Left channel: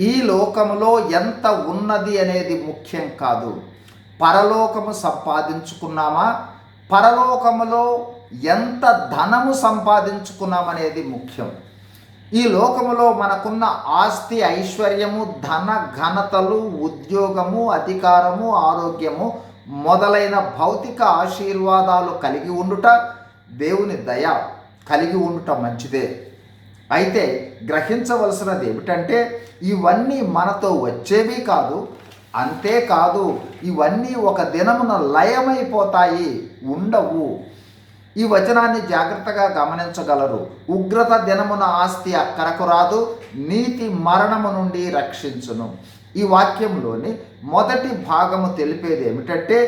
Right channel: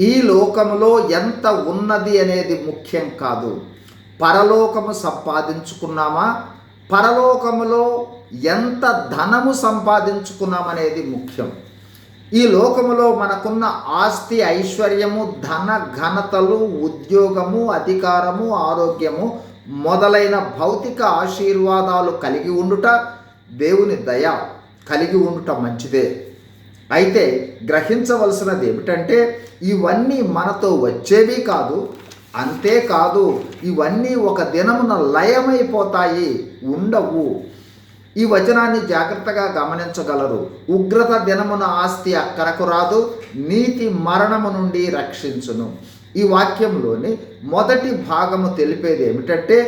ఈ లోకములో ఎంత ఉన్నది అనేది ముఖ్యం కాదు. పరలోకము సంపాదించుకున్నామా, పరలోకములో ఎంత ధనము సంపాదించుకున్నామనేది ముఖ్యం. ఈ లోకములో మనకున్న ఆస్తి, ఐశ్వర్యము, ధన ఘనతలు, ఉద్యోగము, అధికారము, ఆరోగ్యము మొదలైన భౌతిక ఆశీర్వాదాలు కలిగి ఉండుట, దేవుని దయ కలిగి ఉండుట మంచిదే. అయితే గ్రహించవలసినది ఏమిటంటే ఇవన్నీ మనతో వచ్చేవి కాదు. అంతేకాదు ఇవన్నీ ఒక దినమున లయమైపోతాయి, ఉండవు. ఈ వచనాన్ని జాగ్రత్తగా గమనించగలరు. ఉగ్రత దినమున ఆస్తి అక్కరకు రాదు, నీతి మరణము నుండి రక్షించును. ఈ వాక్యంలోని మొదటి భాగము తెలిపేది ఏమిటంటే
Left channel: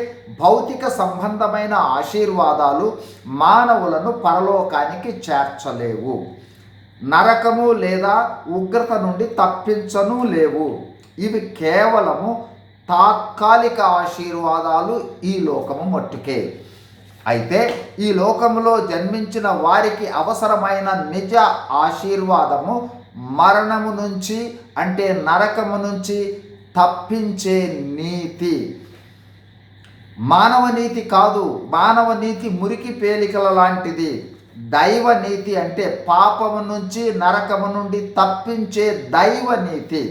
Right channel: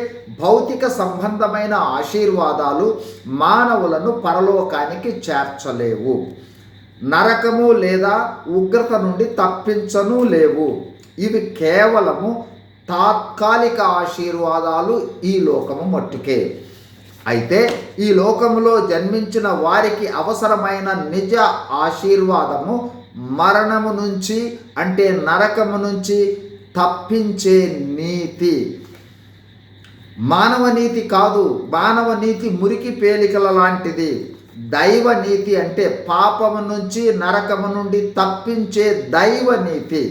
భౌతిక సంబంధమైన ఆశీర్వాదాలు మానవులను పరలోకానికి చేర్చలేవు. నరకము లేదా ఉగ్రత నుండి తప్పించను లేవు. ఇవి కేవలము తాత్కాలిక ఆశీర్వాదాలు, ఈ లోకము మట్టుకే. అయితే ఈ లోకములో జన్మించిన వారికి అవసరమైన నిజ ఆశీర్వాదము మరణము నుంచి, అంటే నరకము నుంచి తప్పించే నీతి. మానవ నీతి కాదు. మానవ నీతి మురికి పేలికల లాంటిది. దైవ నీతి అంటే పాపము నుంచి, నరకము నుండి తప్పించే దైవ నీతి.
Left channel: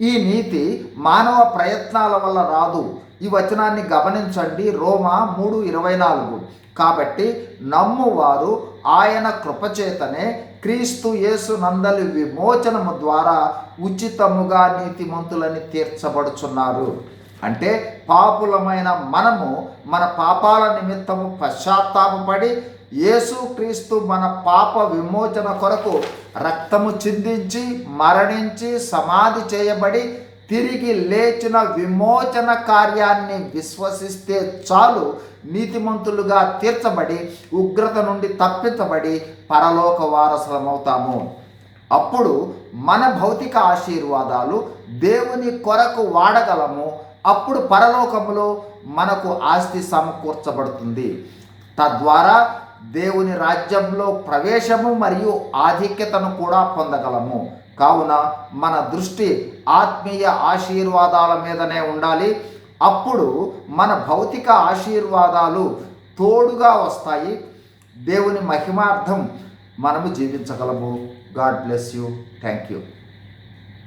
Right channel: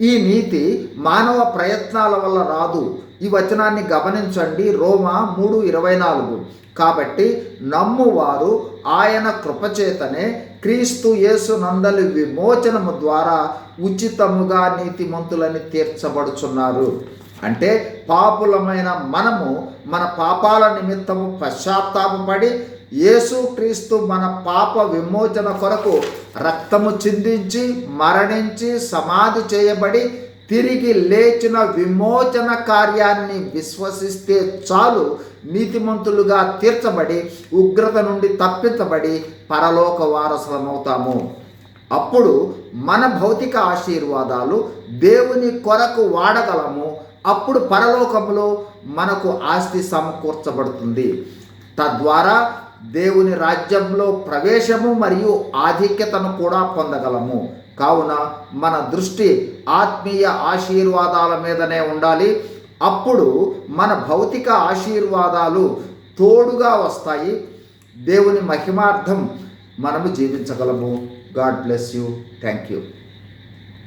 ఈ నీతి మానవ ప్రయత్నాల వల్ల రాదు. ఈ వచనాన్ని గమనించండి. రోమా 3:24. కాబట్టి నమ్మువారు ఆయన కృపచేతనే క్రీస్తు యేసు నందలి విమోచనము ద్వారా ఉచితముగా నీతిమంతులని తీర్చబడుచున్నారు. అంటే పాపులమైన మనము మన పాపాల నిమిత్తము పశ్చాత్తాపపడి యేసుక్రీస్తు మన పాప విమోచన కొరకు రక్తము చిందించి, మరణించి, సమాధి చేయబడి తిరిగి లేచిన విమోచన కార్యాన్ని విశ్వసిస్తే చాలు, నీతిమంతులుగా తీర్చబడి ఉగ్రత నుండి తప్పించబడి పరలోక వారసులమవుతాము. అప్పుడు మన భౌతిక ఆశీర్వాదాలు దేవుని కొరకు వాడగలము. అప్పుడు పరలోకములో మనకు ఆస్తి సమకూర్చబడుతుంది. తద్వారా దేవుని రాజ్యంలో ప్రవేశము మరియు ఆధిక్యతను కూడా పొందగలము. కావున మన దృష్టి ఆత్మీయ ఆశీర్వాదాల మీదనే ఉండాలి. అప్పుడు మన భౌతిక ఆశీర్వాదాలు తోడుగా వస్తాయి. దేవుని మహిమార్థం మనము జీవించగలము. God bless you. Thank you.